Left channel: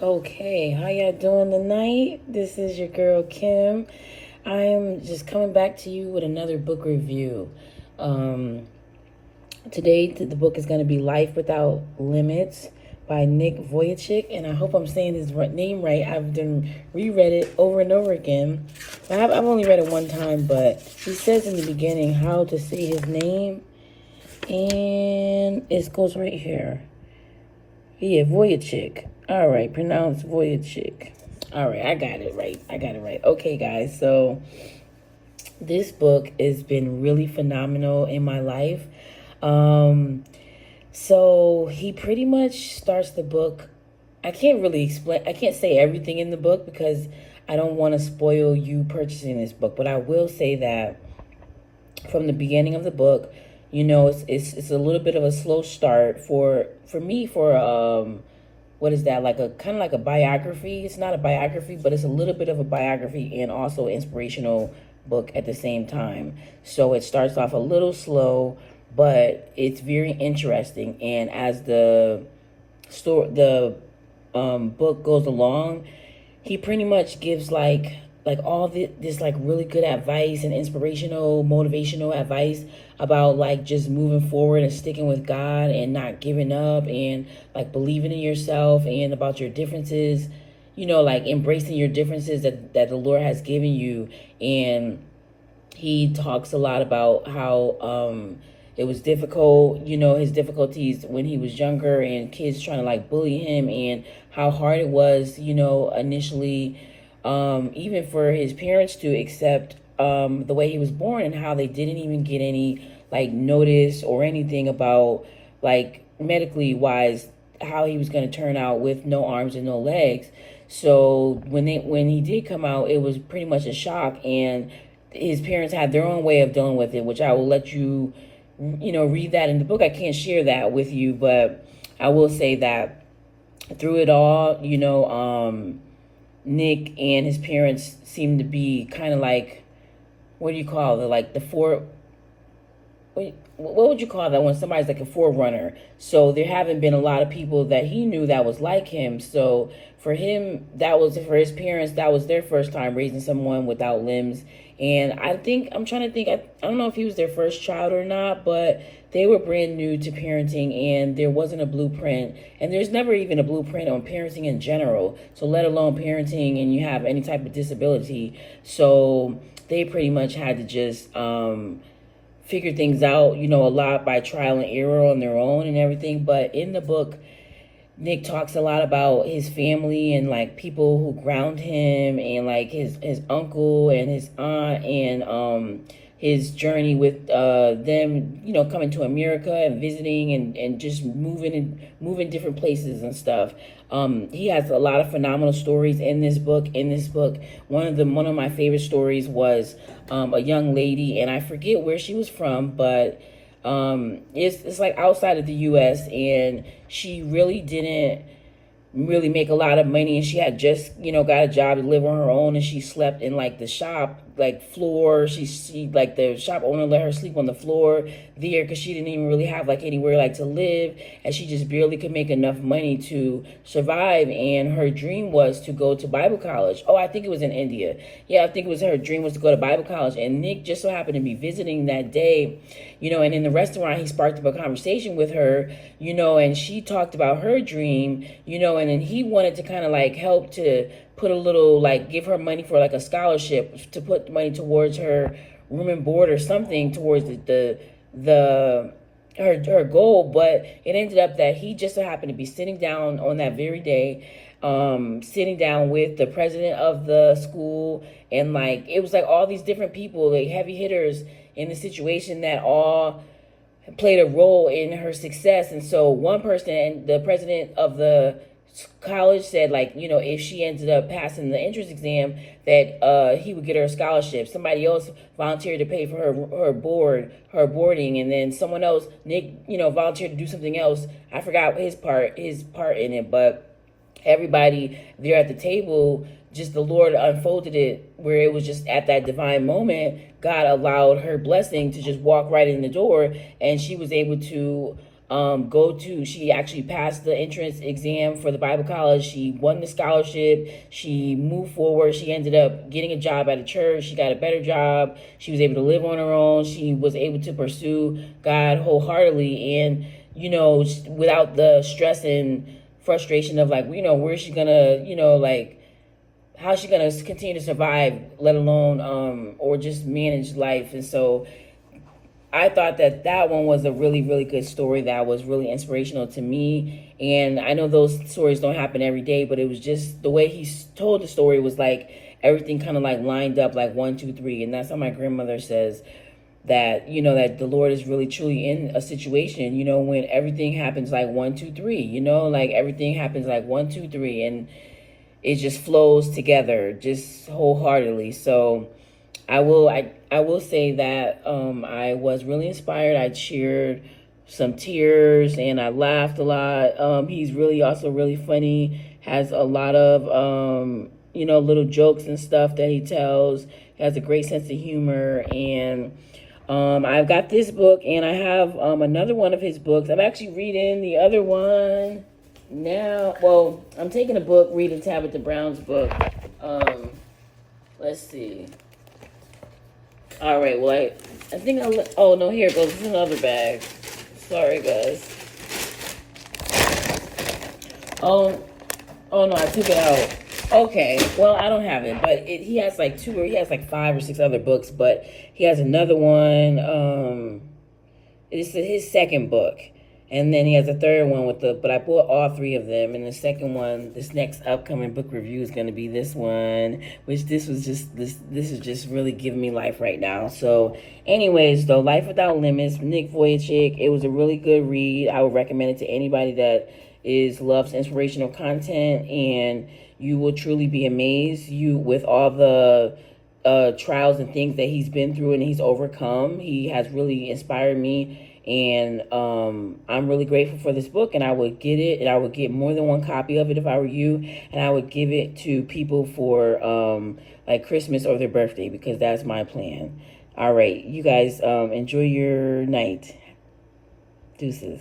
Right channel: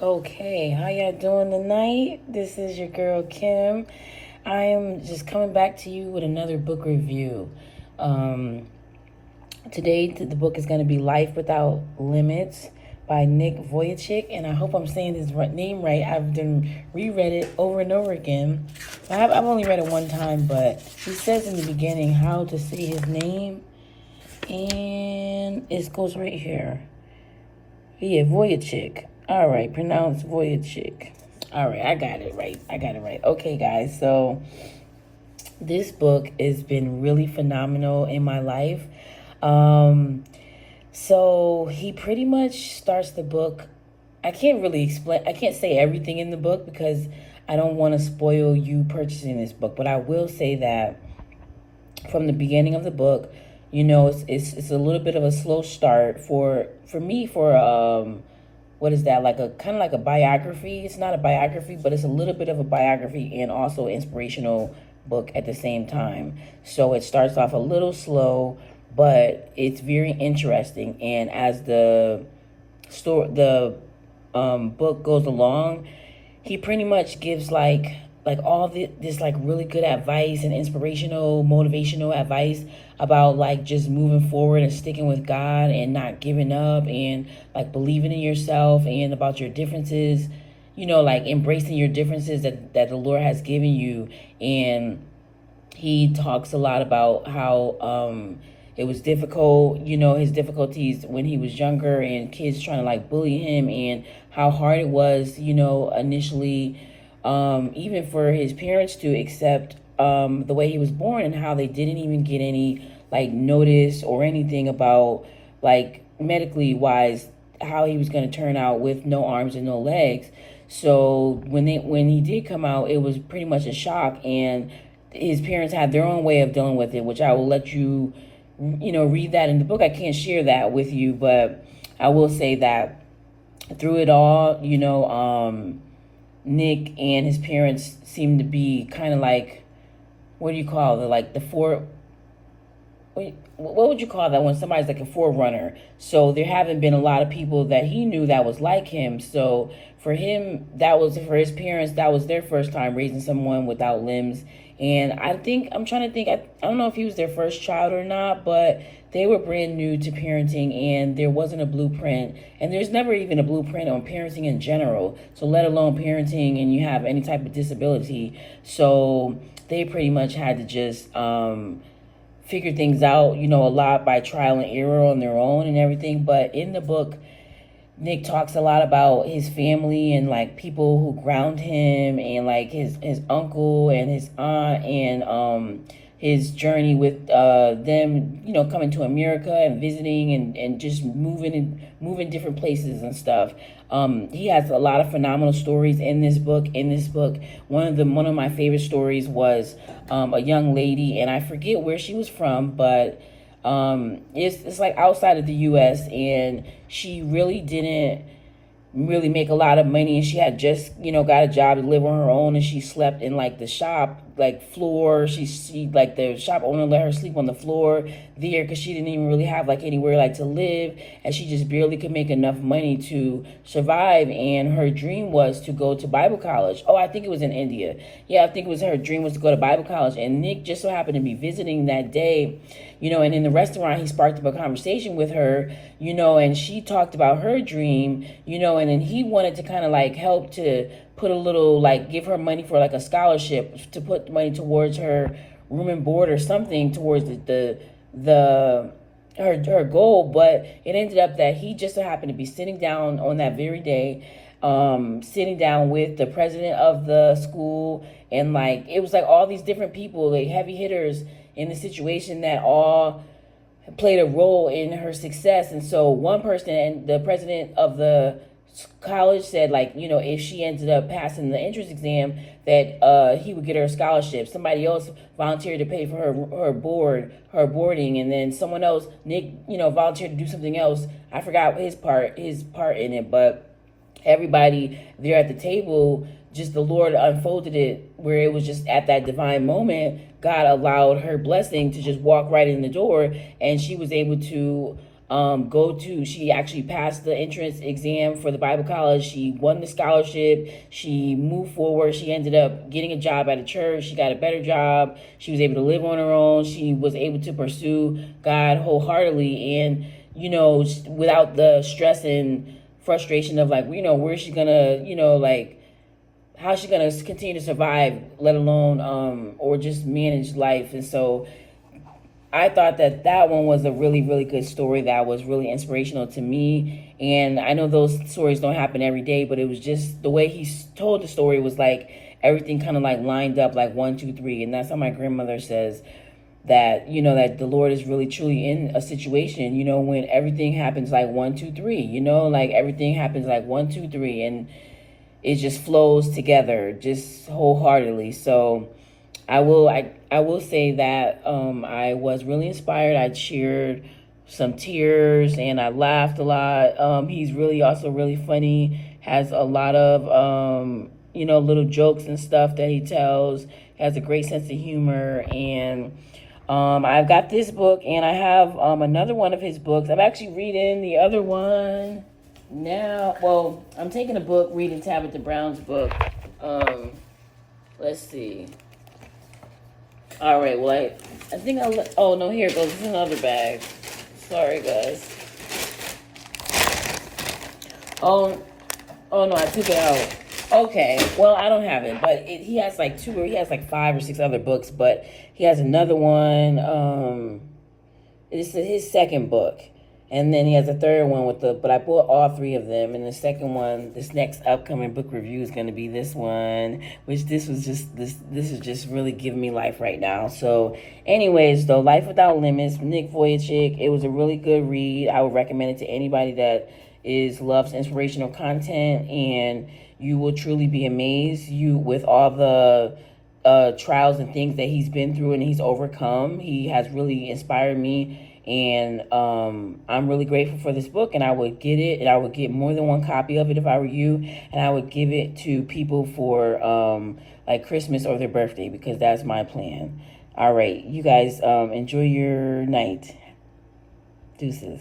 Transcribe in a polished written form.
Okay, how y'all doing tonight? This is your girl Kim. I am just coming back to you with another book review. Um, Today, the book is going to be Life Without Limits by Nick Vujicic, and I hope I'm saying his name right. I've done reread it over and over again. I've only read it one time, but he says in the beginning how to say his name, and it goes right here. Yeah, Vujicic. All right, pronounced Vujicic. All right, I got it right. Okay, guys, so this book has been really phenomenal in my life. So he pretty much starts the book. I can't really explain, I can't say everything in the book because I don't want to spoil you purchasing this book, but I will say that from the beginning of the book, it's a little bit of a slow start for me for what is that, like a kind of like a biography. It's not a biography, but it's a little bit of a biography and also inspirational book at the same time. So it starts off a little slow, but it's very interesting. And as the book goes along, he pretty much gives like all this like really good advice and inspirational, motivational advice about like just moving forward and sticking with God and not giving up and like believing in yourself and about your differences, like embracing your differences that the Lord has given you. And he talks a lot about how it was difficult, his difficulties when he was younger and kids trying to like bully him and how hard it was, initially, even for his parents to accept the way he was born and how they didn't even get any like notice or anything about like medically wise how he was going to turn out with no arms and no legs. So when he did come out, it was pretty much a shock, and his parents had their own way of dealing with it, which I will let you, read that in the book. I can't share that with you, but I will say that through it all, Nick and his parents seem to be kind of like, what do you call it? Like the four, what would you call that when somebody's like a forerunner? So there haven't been a lot of people that he knew that was like him. So for him, for his parents, that was their first time raising someone without limbs. And I'm trying to think, I don't know if he was their first child or not, but they were brand new to parenting and there wasn't a blueprint. And there's never even a blueprint on parenting in general. So let alone parenting and you have any type of disability. So they pretty much had to just, figure things out, a lot by trial and error on their own and everything. But in the book, Nick talks a lot about his family and like people who ground him and like his uncle and his aunt and his journey with them, coming to America and visiting and just moving different places and stuff. He has a lot of phenomenal stories in this book. One of my favorite stories was a young lady, and I forget where she was from, but it's like outside of the U.S. and she really didn't really make a lot of money, and she had just got a job to live on her own, and she slept in like the shop like floor. She like the shop owner let her sleep on the floor there because she didn't even really have like anywhere like to live, and she just barely could make enough money to survive. And her dream was to go to Bible college. Oh, I think it was in India. Yeah, I think it was her dream was to go to Bible college, and Nick just so happened to be visiting that day, and in the restaurant he sparked up a conversation with her, and she talked about her dream, and then he wanted to kind of like help to put a little, like give her money for like a scholarship to put money towards her room and board or something towards her goal. But it ended up that he just so happened to be sitting down on that very day, sitting down with the president of the school, and like it was like all these different people, like heavy hitters in the situation that all played a role in her success. And so one person, and the president of the college, said like, if she ended up passing the entrance exam, that he would get her a scholarship. Somebody else volunteered to pay for her boarding, and then someone else, Nick, volunteered to do something else. I forgot his part in it, but everybody there at the table, just the Lord unfolded it where it was just at that divine moment, God allowed her blessing to just walk right in the door, and she was able to she actually passed the entrance exam for the Bible college. She won the scholarship. She moved forward. She ended up getting a job at a church. She got a better job. She was able to live on her own. She was able to pursue God wholeheartedly, and, without the stress and frustration of, like, where's she gonna, like, how's she gonna continue to survive, let alone or just manage life. And so I thought that one was a really, really good story that was really inspirational to me. And I know those stories don't happen every day, but it was just the way he told the story was like everything kind of like lined up like 1, 2, 3. And that's how my grandmother says that, that the Lord is really truly in a situation, when everything happens like 1, 2, 3, like everything happens like 1, 2, 3. And it just flows together just wholeheartedly. So I will say that I was really inspired. I cheered some tears and I laughed a lot. He's really also really funny. Has a lot of little jokes and stuff that he tells. Has a great sense of humor. And I've got this book, and I have another one of his books. I'm actually reading the other one now. Well, I'm taking a book, reading Tabitha Brown's book. Let's see. All right, well, I think oh, no, here it goes. It's another bag. Sorry, guys. Oh, no, I took it out. Okay, well, I don't have it, but he has like 5 or 6 other books, but he has another one. It's his second book. And then he has a third one but I bought all 3 of them. And the second one, this next upcoming book review is going to be this one, which this is just really giving me life right now. So anyways, though, Life Without Limits, Nick Vujicic, it was a really good read. I would recommend it to anybody that loves inspirational content, and you will truly be amazed with all the trials and things that he's been through and he's overcome. He has really inspired me. And I'm really grateful for this book, and I would get it, and I would get more than one copy of it if I were you, and I would give it to people for like Christmas or their birthday, because that's my plan. All right, you guys enjoy your night. Deuces.